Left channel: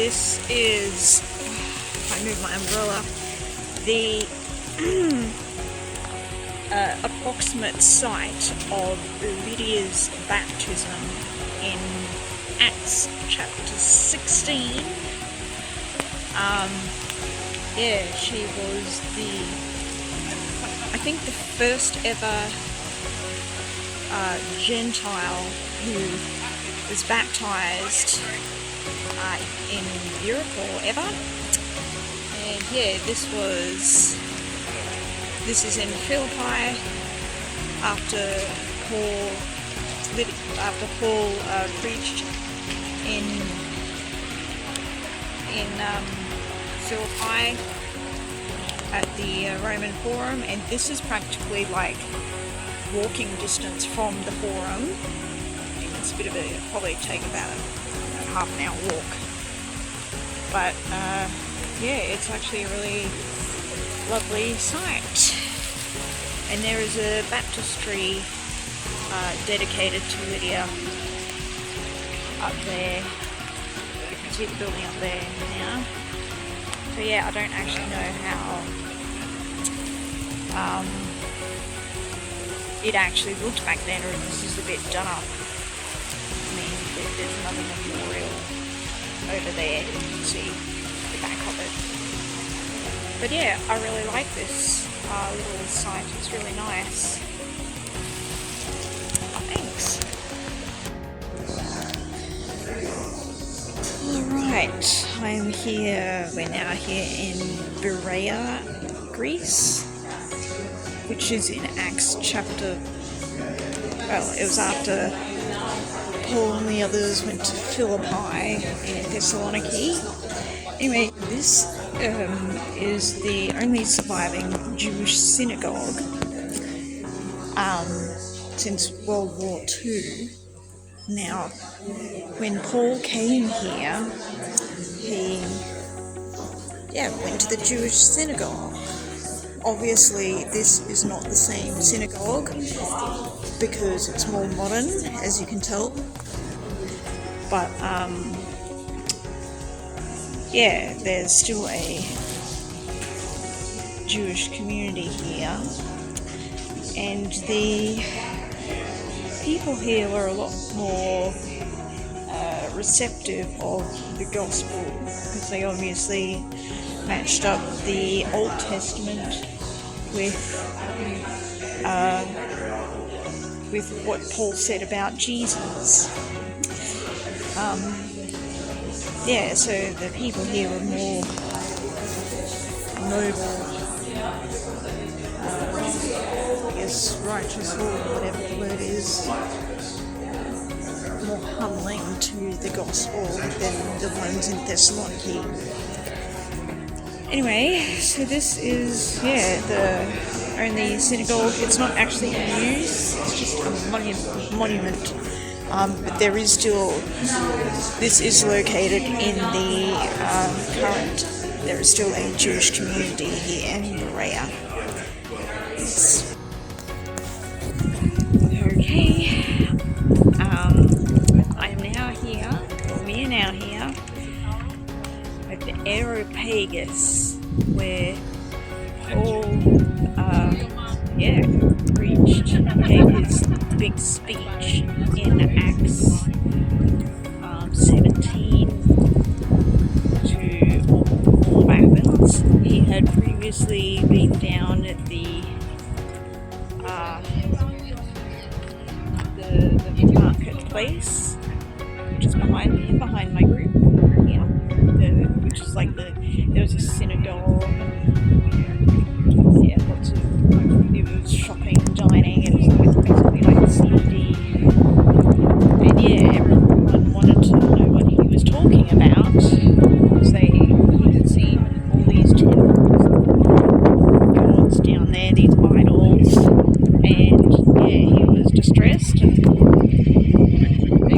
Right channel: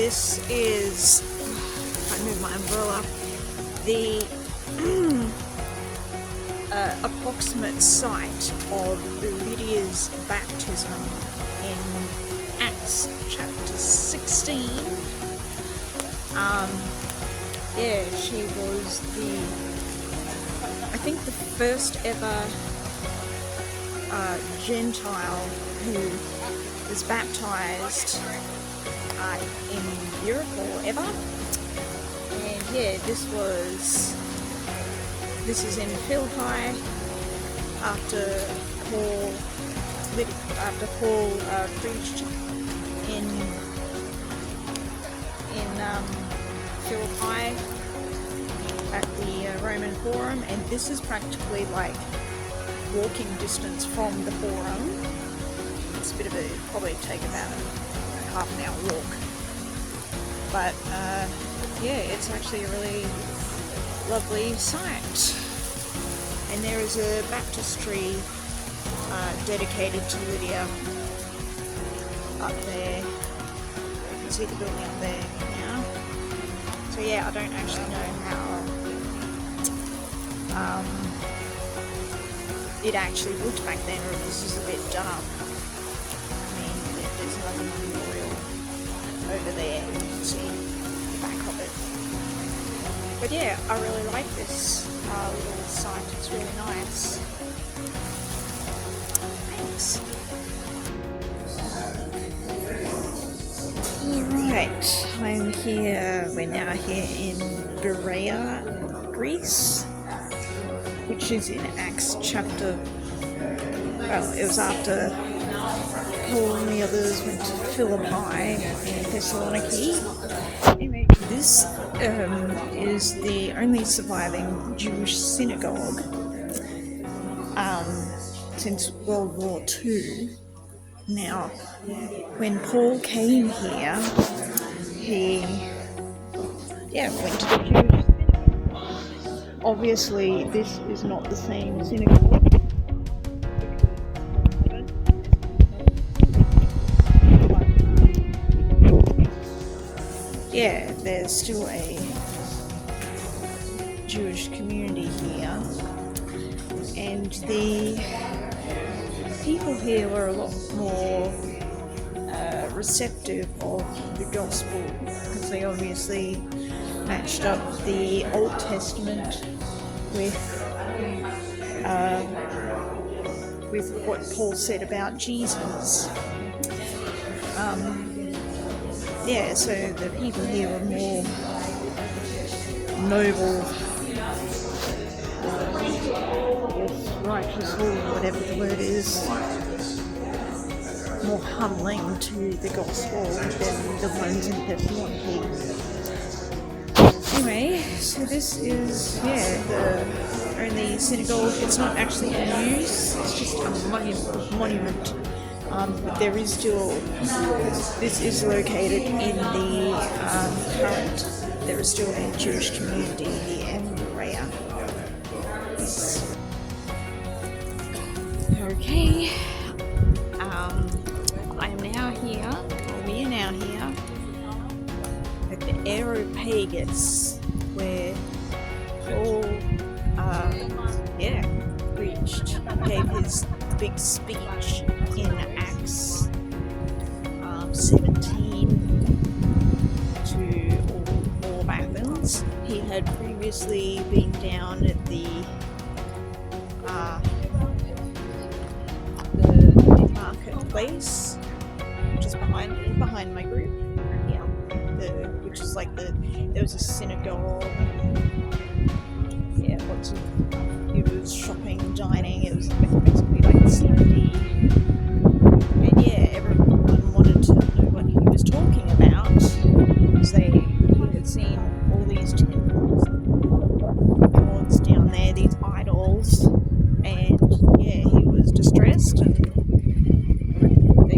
this is, if I move my umbrella, the approximate site of Lydia's baptism in Acts chapter 16. She was I think the first ever Gentile who was baptized in Europe or whatever. And yeah, this is in Philippi after Paul preached in Philippi at the Roman Forum, and this is practically like walking distance from the Forum. It's a bit of probably take about half an hour walk, but yeah, it's actually a really lovely site. And there is a baptistry dedicated to Lydia up there. You can see the building up there now. So yeah, I don't actually know how it actually looked back then, or if this is a bit dark. I mean, there's another memorial over there, you can see the back of it. But yeah, I really like this little site, it's really nice. Thanks. Alright, we're now here in Berea, Greece, which is in Acts chapter, it was after Paul and the others went to Philippi and Thessaloniki. Anyway, this is the only surviving Jewish synagogue since World War II. Now, when Paul came here, he went to the Jewish synagogue. Obviously, this is not the same synagogue because it's more modern, as you can tell. But yeah, there's still a Jewish community here, and the people here were a lot more receptive of the gospel because they obviously matched up the Old Testament with what Paul said about Jesus. So the people here were more noble, righteous, or whatever the word is, more humbling to the gospel than the ones in Thessaloniki. Anyway, so this is, the only synagogue. It's not actually in use, it's just a monument. But there is still, this is located in the current, there is still a Jewish community here in Berea. Yes. Okay, we are now here with the Areopagus, where Paul gave his big speech in Acts 17 to all of Athens. He had previously been down at the marketplace, which is behind my group here, which is like there's a synagogue. It was shopping, dining, it was basically like Sunday. And everyone wanted to know what he was talking about because he had seen all these gods down there, these idols, and he was distressed. They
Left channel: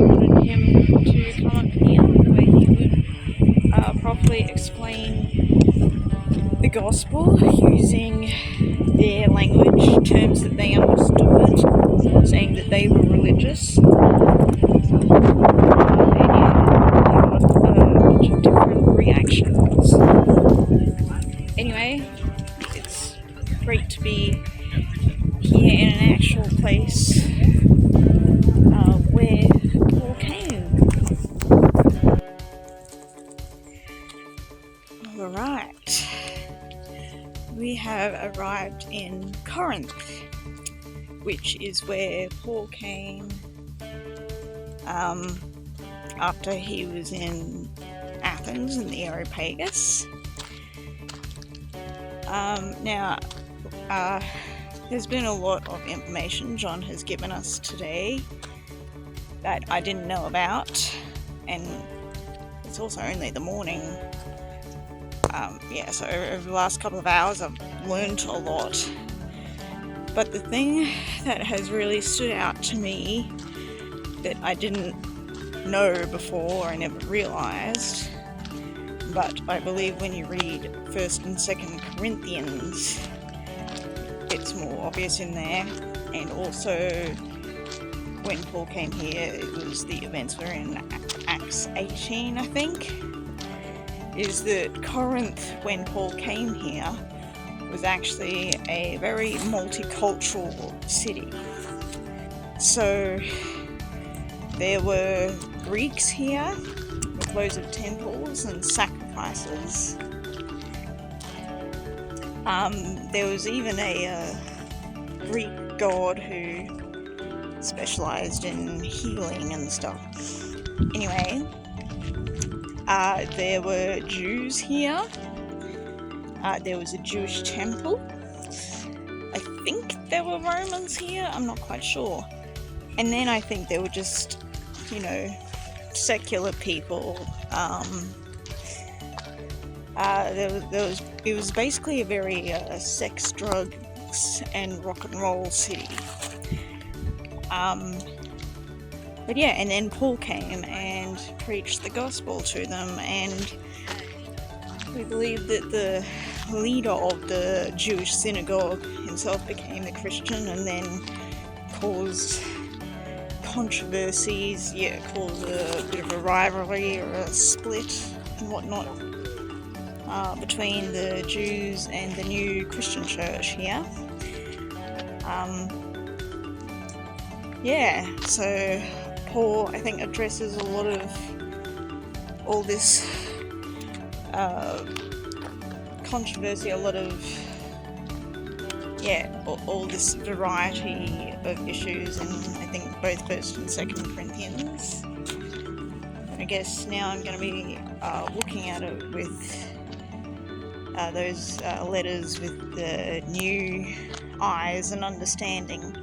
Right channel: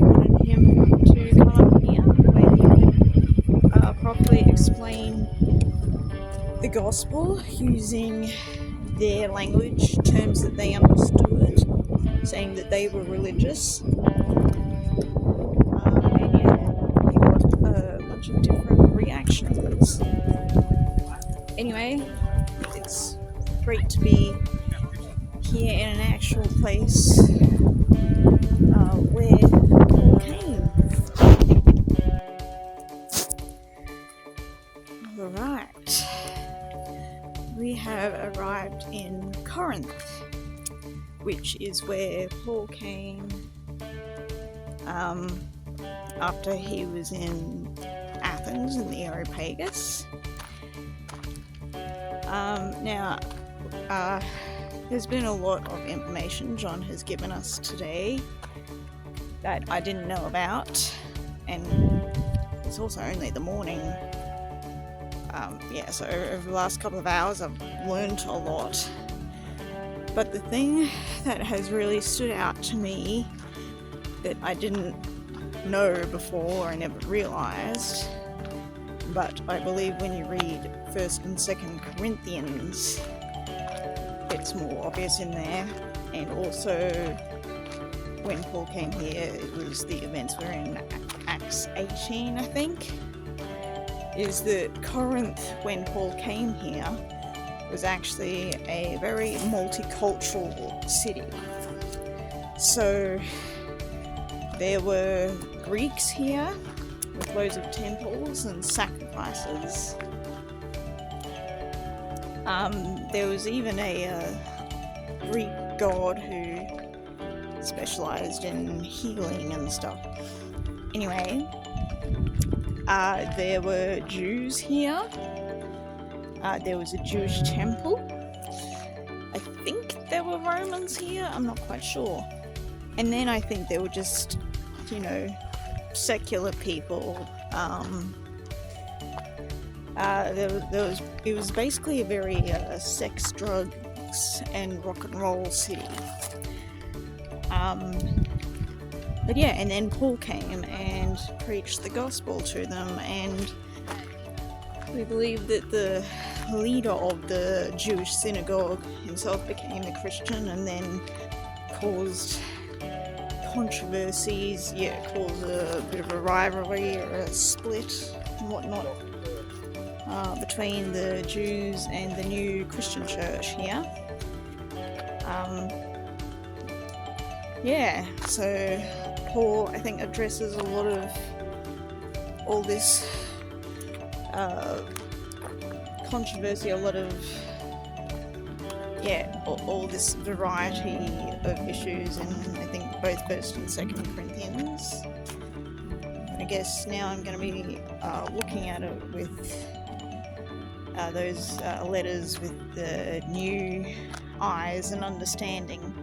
wanted him to come up here where he could properly explain the gospel using their language, terms that they understood, saying that they were religious. And a bunch of different be here in an actual place where Paul came. Alright, we have arrived in Corinth, which is where Paul came after he was in Athens in the Areopagus. Now, there's been a lot of information John has given us today that I didn't know about, and it's also only the morning. So over the last couple of hours I've learned a lot. But the thing that has really stood out to me that I didn't know before, I never realised, but I believe when you read 1st and 2nd Corinthians, it's more obvious in there. And also, when Paul came here, it was the events were in Acts 18, I think, is that Corinth, when Paul came here, was actually a very multicultural city. So there were Greeks here, with loads of temples and sacrifices. There was even a Greek god who specialised in healing and stuff. Anyway, there were Jews here. There was a Jewish temple. I think there were Romans here, I'm not quite sure. And then I think there were just, secular people. It was basically a very sex, drugs, and rock and roll city. But yeah, and then Paul came and preached the gospel to them, and I believe that the leader of the Jewish synagogue himself became a Christian, and then caused controversies, caused a bit of a rivalry or a split and whatnot between the Jews and the new Christian church here. So Paul, I think, addresses a lot of all this controversy, a lot of all this variety of issues, and I think both 1st and 2nd Corinthians. I guess now I'm going to be looking at it with those letters with the new eyes and understanding.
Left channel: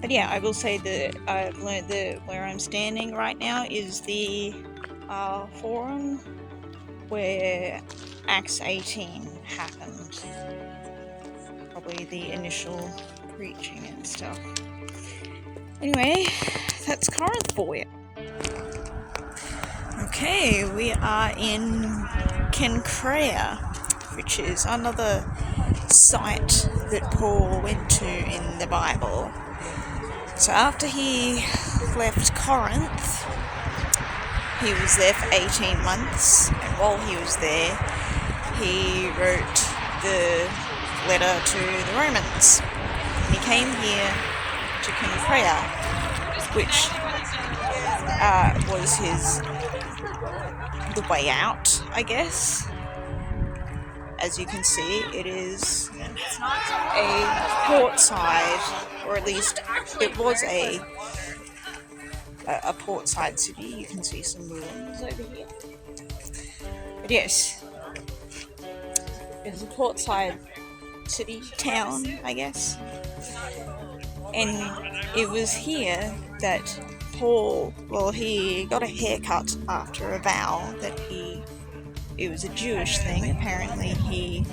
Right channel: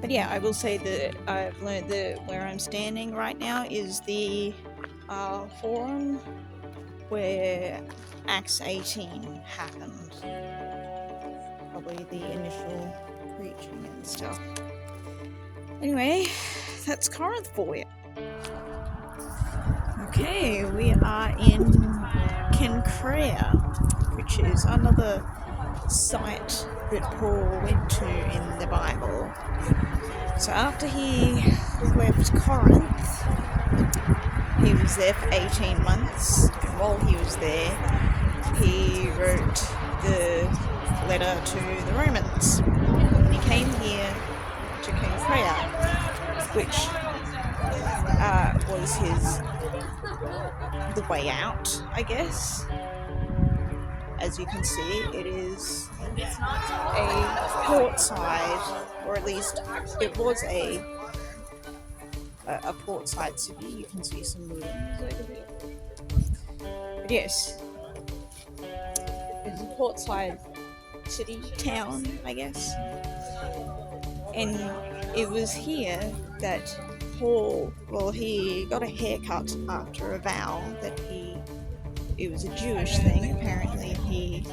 But yeah, I will say that I've learned that where I'm standing right now is the forum where Acts 18 happened. Probably the initial preaching and stuff. Anyway, that's Corinth for you. Okay, we are in Cenchreae, which is another site that Paul went to in the Bible. So after he left Corinth, he was there for 18 months. While he was there, he wrote the letter to the Romans. And he came here to Cenchreae, which was the way out, I guess. As you can see, it is a port side, or at least it was a port side city. You can see some ruins over here. But yes, it's a port side city, town, I guess. And it was here that Paul, he got a haircut after a vow that it was a Jewish thing. Apparently he,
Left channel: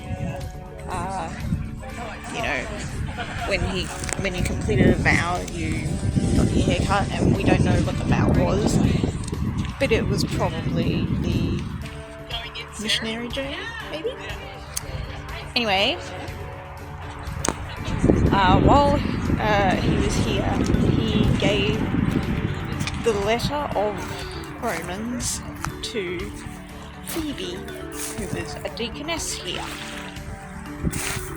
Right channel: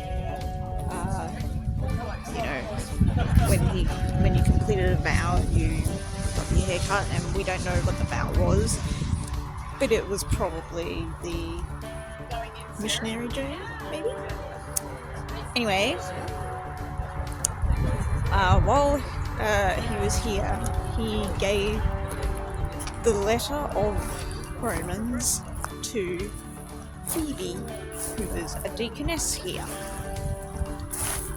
when you completed a vow, you got your haircut, and we don't know what the vow was, but it was probably the missionary journey, maybe? Anyway, while he was here, he gave the letter of Romans to Phoebe, who was a deaconess here.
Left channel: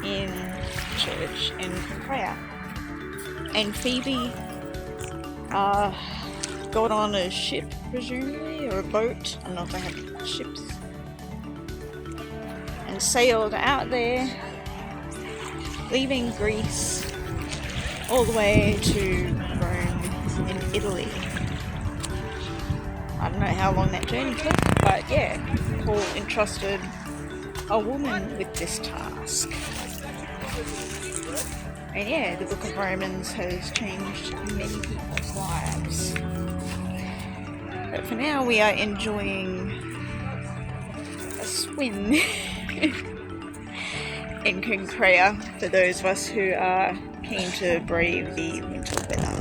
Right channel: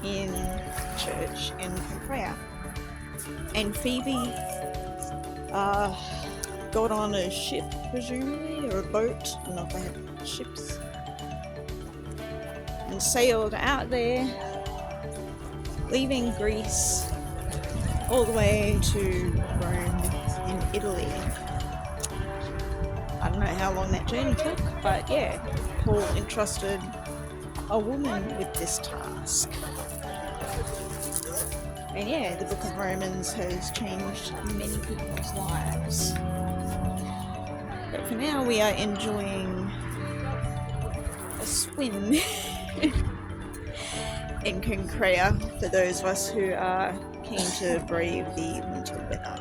in church in prayer. And Phoebe got on a ship, presumably, or a boat. I don't know if they have ships, and sailed out there, leaving Greece all the way to Rome in Italy. I don't know how long that journey took, but yeah, Paul entrusted a woman with this task. And yeah, the book of Romans has changed many people's lives. But for now, we are enjoying a swim in King Prayer for those of us who are keen to brave the winter weather.